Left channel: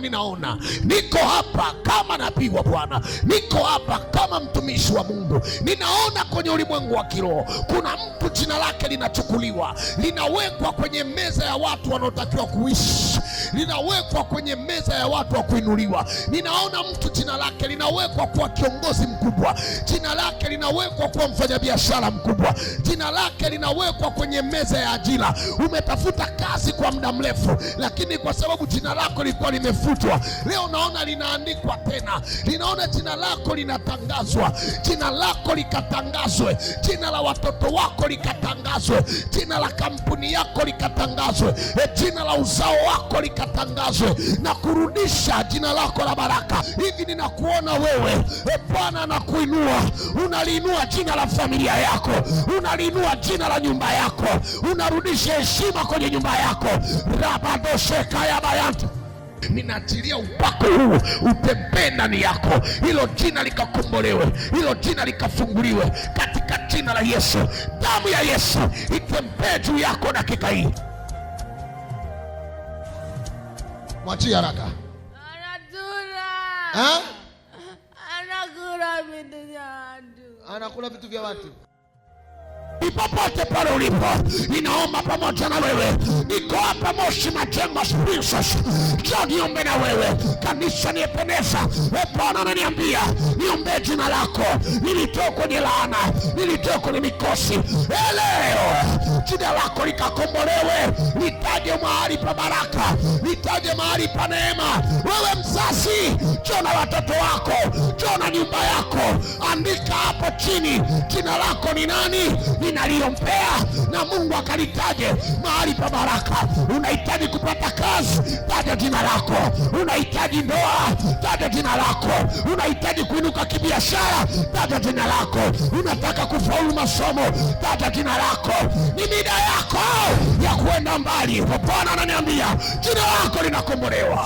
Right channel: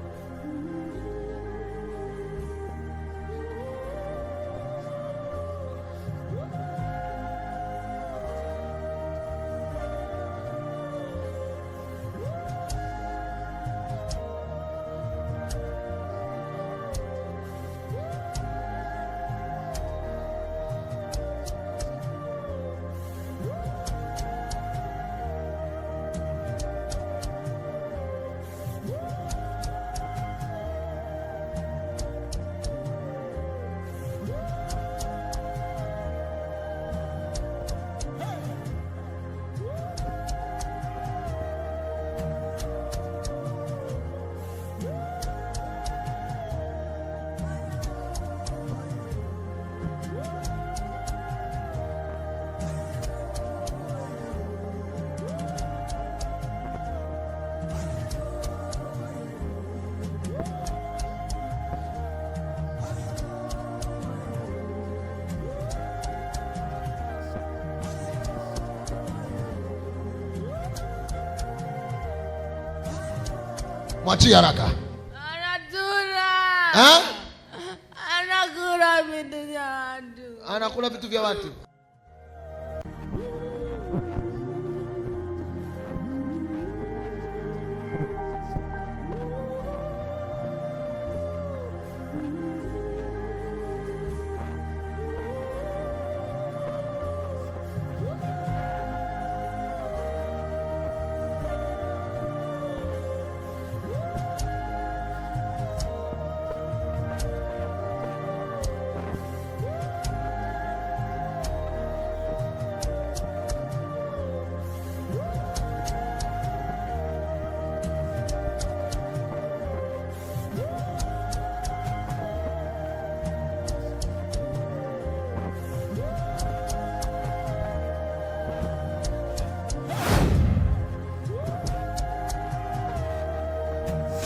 Ninaona niko hapa kama nabii wa Bwana, niko hapa kama mtumishi wa Mungu. Ninaona kwenye ulimwengu wa kiroho kuna mtu jina lake linachukuliwa, linawekwa kwenye meza ya watu wanaotakiwa kuishi, linawekwa kwenye meza ya watu wa kuinuliwa. Ninaona mtu jina lake linawekwa kwa kiongozi mkubwa, jina lake linawekwa kwa mfanyabiashara mkubwa, jina lake linawekwa kwenye meza ya ajira. Umetafuta kazi kwa muda mrefu, lakini kwa sababu jina lako lilikuwa limefutwa, leo naona linaandikwa tena. Ninaona jina lako linatangazwa, jina lako likatangazwe, jina la watoto wako likatangazwe, jina la kampuni yako likatangazwe, jina la uzao wako likatangazwe, na kurudisha jina lako la baraka. Hivi ninakuona wewe, Bwana anakuinua, unaliinua jina la familia yako, unaliinua jina la nyumba yako, unarudisha heshima kwenye nyumba yako. Rabadosheka ya bayanta, ninaachilia upako huu utembee ndani yako, hilo jina likakombolewe, hilo jina likafunguliwe katika jina la Yesu. Damu ya Yesu itembee juu yako dakika hii. Mwachie haraka. Anakula vitu vya watu. Popote pale ulipo, ninaomba pamoja na wewe. Niko hapa Moshi Majengo Princess, njoo niombe na wewe. Kanisa niependeza, Bwana ananiambia niombe jina lako. Nilitoka kwenye laana, nilitoka kwenye mikosi, leo jina lako likakombolewe. Nitaje mahali pa baraka, nitaje mahali pa neema. Wewe mzazi, njoo na watoto wako, njoo na nyumba yako. Andika hapo chini jina lako ni nani, ninaliombea na Mungu akalitaje mahali pa baraka. Unahitaji kupata kazi, taja jina lako. Unahitaji ndoa, taja jina lako. Unahitaji kuinuka kibiashara, taja jina lako. Unataka kufaulu masomo, taja jina lako. Ni mida yako ya kuenda mbali. Bwana ananiambia jina lako linakombolewa.